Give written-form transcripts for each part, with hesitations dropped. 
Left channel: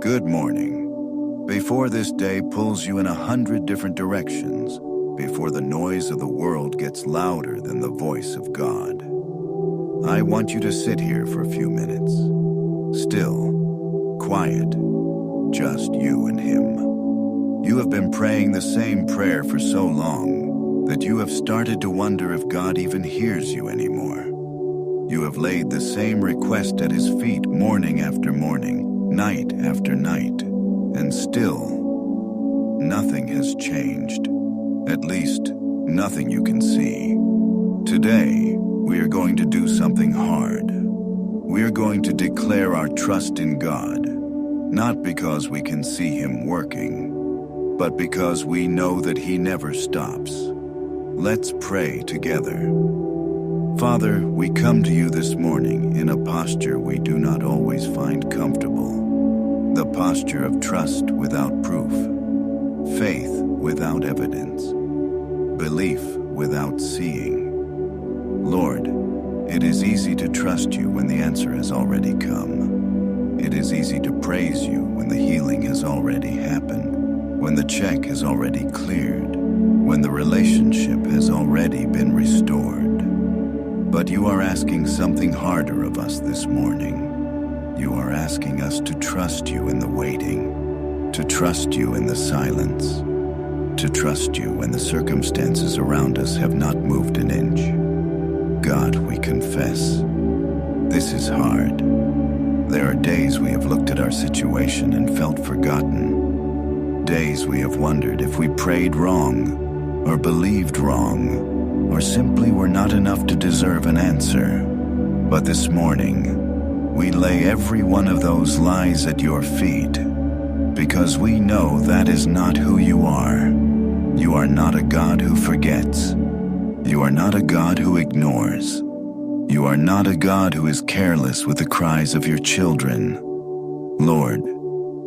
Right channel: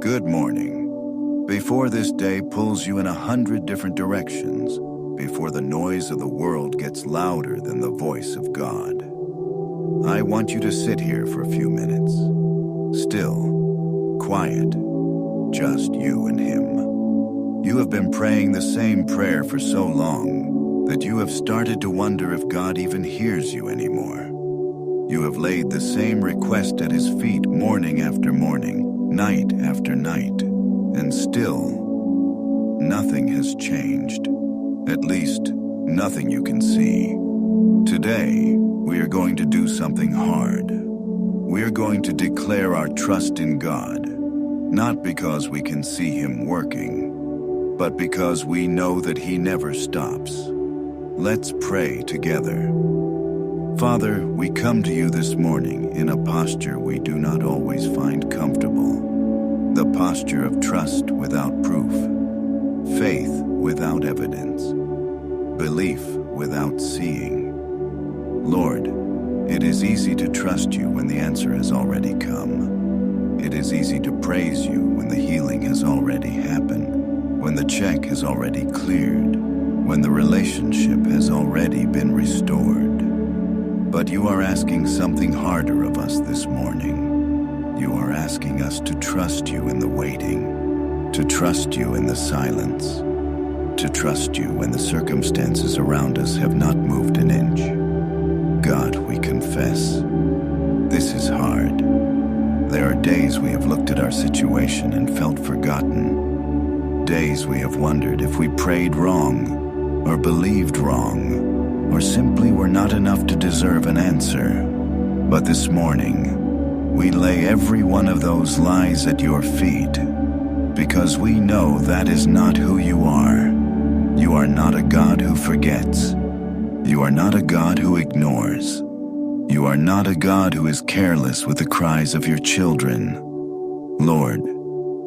Good morning. Before this day pulls you in 100 different directions, before the noise of the world gets louder than the voice of God, I want you to sit here for a few minutes. Still, quiet, just you and Him. You have been praying the same prayer for so long that you have started to wonder if God even hears you anymore. You have laid the same request at His feet morning after morning, night after night, and still, nothing has changed. At least, nothing you can see. Today, we are going to do something hard. We are going to declare our trust in God, not because we can see Him working, but because we know that He never stops. Let's pray together. Father, we come to you this morning in a posture we do not always find comfortable. The posture of trust without proof, faith without evidence, belief without seeing. Lord, it is easy to trust you when the answer has already come. It is easy to praise you when the healing has already happened, when the check has already cleared, when the relationship has already been restored. But you are asking something harder of us this morning. You are asking us to trust you in the waiting, to trust you in the silence, to trust you when the circumstances around us have not moved an inch. God, we confess, this is hard. There are days we have looked at our situation and felt forgotten. Days we have wondered if we prayed wrong, or believed wrong, or simply were not enough to deserve an answer. But this morning, we lay every one of those lies at your feet, because we know that is not who you are. You are not a God who forgets. You are not a God who ignores. You are not a God who is careless with the cries of your children. Lord,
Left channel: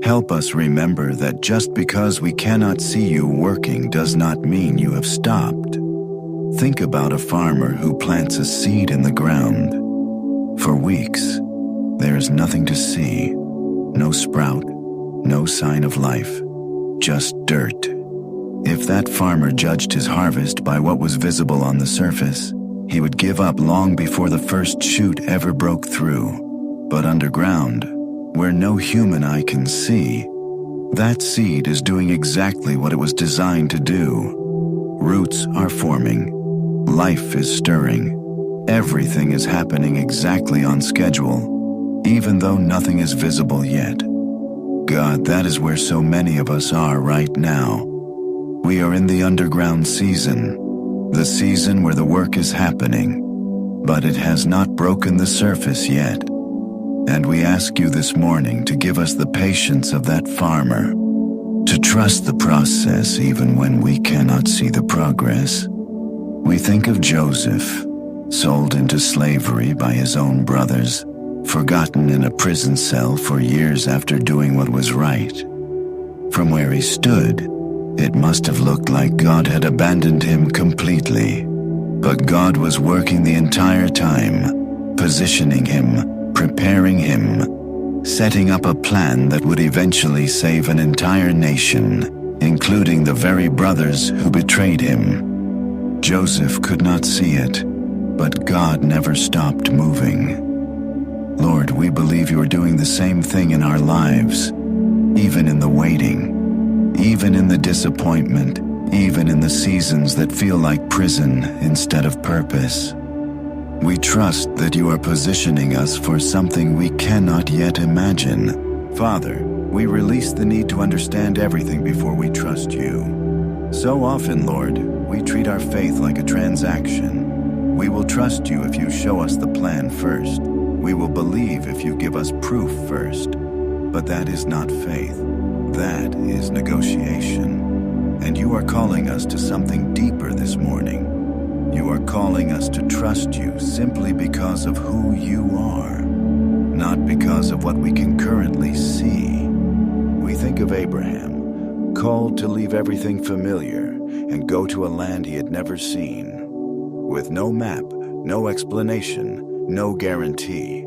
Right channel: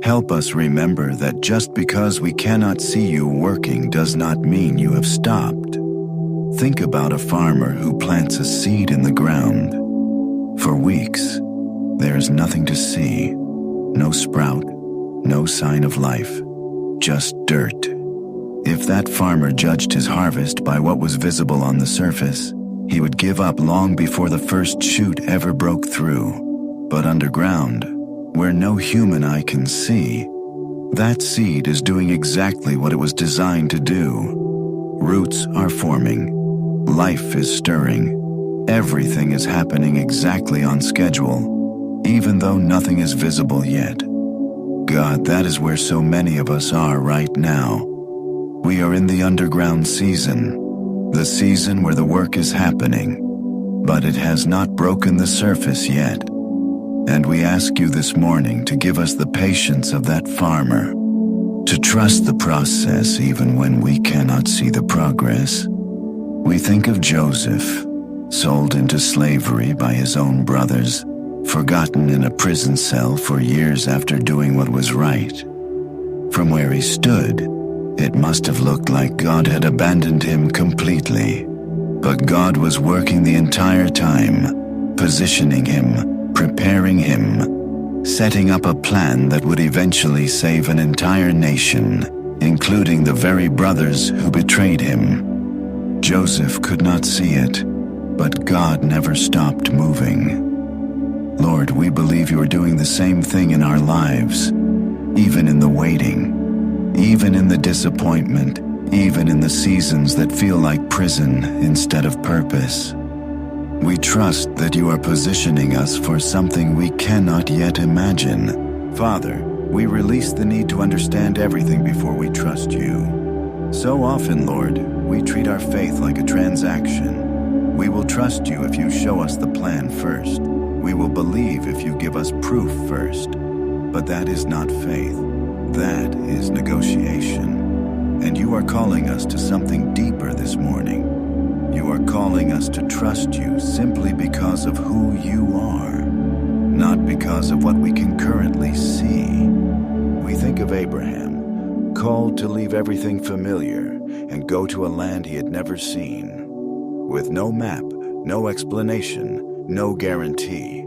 help us remember that just because we cannot see you working does not mean you have stopped. Think about a farmer who plants a seed in the ground. For weeks, there is nothing to see. No sprout, no sign of life, just dirt. If that farmer judged his harvest by what was visible on the surface, he would give up long before the first shoot ever broke through. But underground, where no human eye can see, that seed is doing exactly what it was designed to do. Roots are forming. Life is stirring. Everything is happening exactly on schedule, even though nothing is visible yet. God, that is where so many of us are right now. We are in the underground season, the season where the work is happening, but it has not broken the surface yet. And we ask you this morning to give us the patience of that farmer, to trust the process even when we cannot see the progress. We think of Joseph, sold into slavery by his own brothers, forgotten in a prison cell for years after doing what was right. From where he stood, it must have looked like God had abandoned him completely. But God was working the entire time, positioning him, preparing him, setting up a plan that would eventually save an entire nation, including the very brothers who betrayed him. Joseph could not see it, but God never stopped moving. Lord, we believe you are doing the same thing in our lives, even in the waiting, even in the disappointment, even in the seasons that feel like prison instead of purpose. We trust that you are positioning us for something we cannot yet imagine. Father, we release the need to understand everything before we trust you. So often, Lord, we treat our faith like a transaction. We will trust you if you show us the plan first. We will believe if you give us proof first. But that is not faith. That is negotiation. And you are calling us to something deeper this morning. You are calling us to trust you simply because of who you are, not because of what we can currently see. We think of Abraham, called to leave everything familiar and go to a land he had never seen, with no map, no explanation, no guarantee.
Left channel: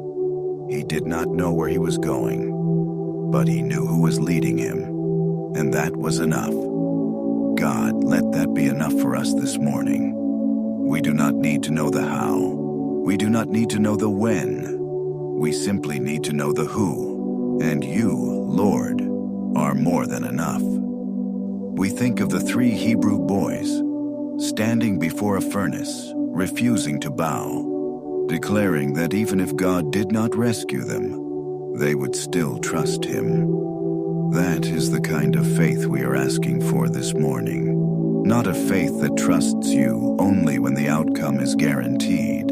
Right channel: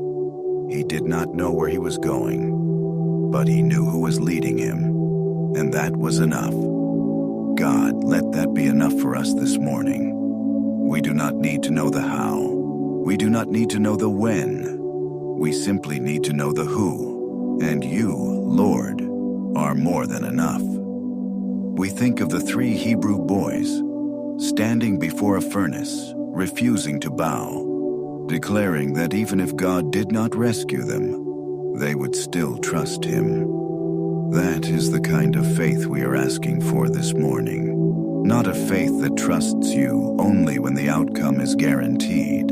He did not know where he was going. but he knew who was leading him, and that was enough. God, let that be enough for us this morning. We do not need to know the how. We do not need to know the when. We simply need to know the who, and you, Lord, are more than enough. We think of the 3 Hebrew boys standing before a furnace, refusing to bow, declaring that even if God did not rescue them, they would still trust him. That is the kind of faith we are asking for this morning. Not a faith that trusts you only when the outcome is guaranteed,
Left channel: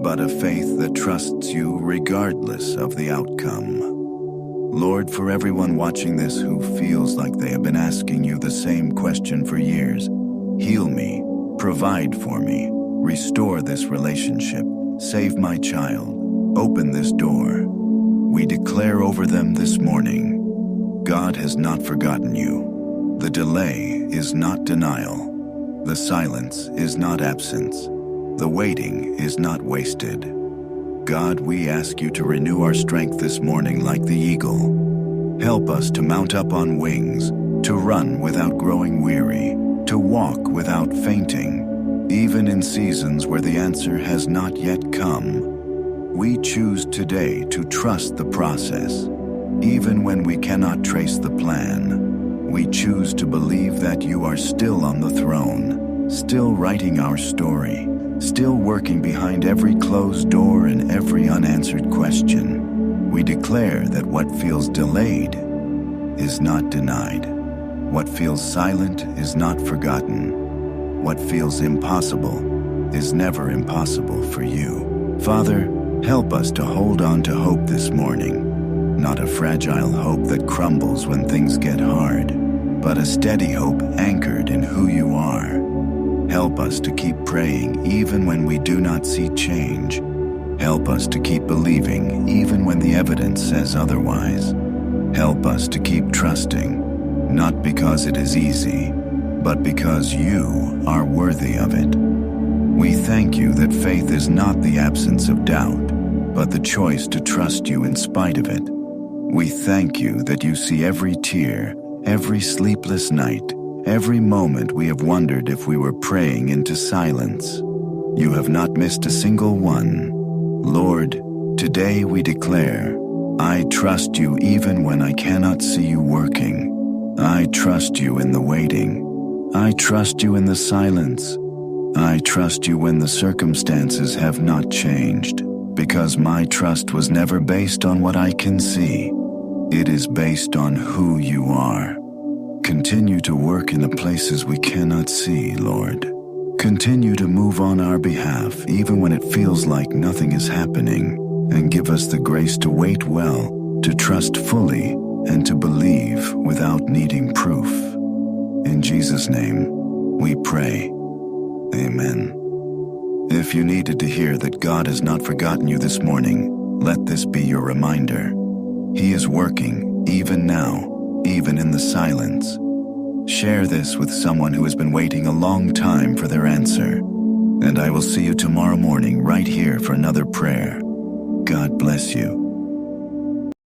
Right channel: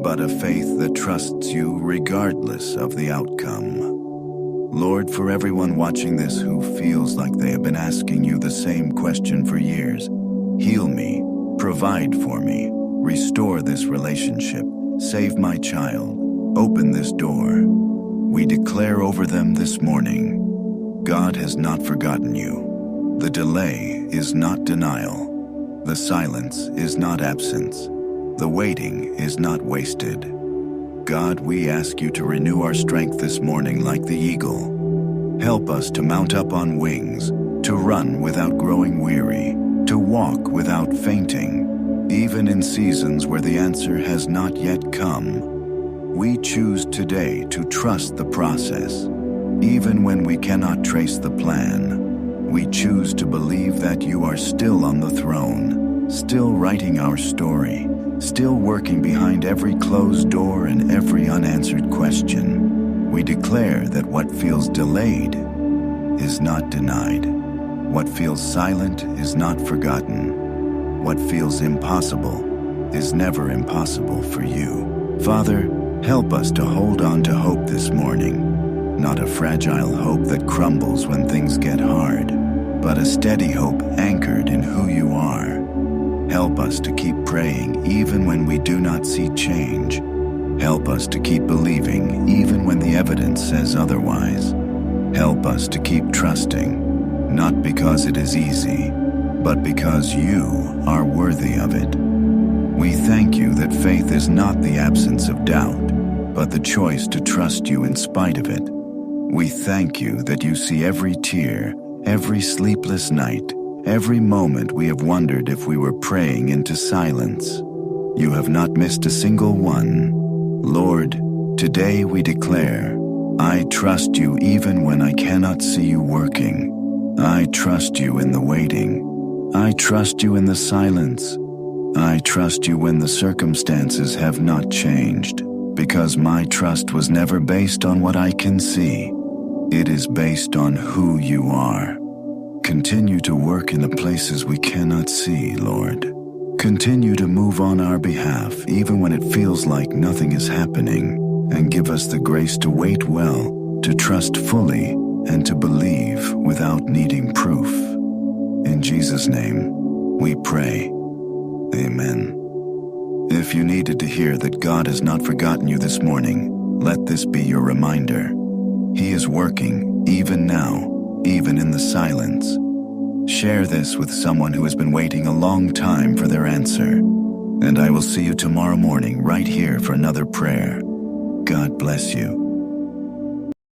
but a faith that trusts you regardless of the outcome. Lord, for everyone watching this who feels like they have been asking you the same question for years, heal me, provide for me, restore this relationship, save my child, open this door. We declare over them this morning, God has not forgotten you. The delay is not denial. The silence is not absence. The waiting is not wasted. God, we ask you to renew our strength this morning like the eagle. Help us to mount up on wings, to run without growing weary, to walk without fainting, even in seasons where the answer has not yet come. We choose today to trust the process, even when we cannot trace the plan. We choose to believe that you are still on the throne, still writing our story, still working behind every closed door and every unanswered question. We declare that what feels delayed is not denied. What feels silent is not forgotten. What feels impossible is never impossible for you. Father, help us to hold on to hope this morning. Not a fragile hope that crumbles when things get hard, but a steady hope anchored in who you are. Help us to keep praying even when we do not see change. Help us to keep believing even when the evidence says otherwise. Help us to keep trusting, not because it is easy, but because you are worthy of it. We thank you that faith is not the absence of doubt, but the choice to trust you in spite of it. We thank you that you see every tear, every sleepless night, every moment we have wondered if we were praying into silence. You have not missed a single one. Lord, today we declare, I trust you even when I cannot see you working. I trust you in the waiting. I trust you in the silence. I trust you when the circumstances have not changed, because my trust was never based on what I can see. It is based on who you are. Continue to work in the places we cannot see, Lord. Continue to move on our behalf even when it feels like nothing is happening, and give us the grace to wait well, to trust fully, and to believe without needing proof. In Jesus' name, we pray. Amen. If you needed to hear that God has not forgotten you this morning, let this be your reminder. He is working, even now, even in the silence. Share this with someone who has been waiting a long time for their answer. And I will see you tomorrow morning right here for another prayer. God bless you.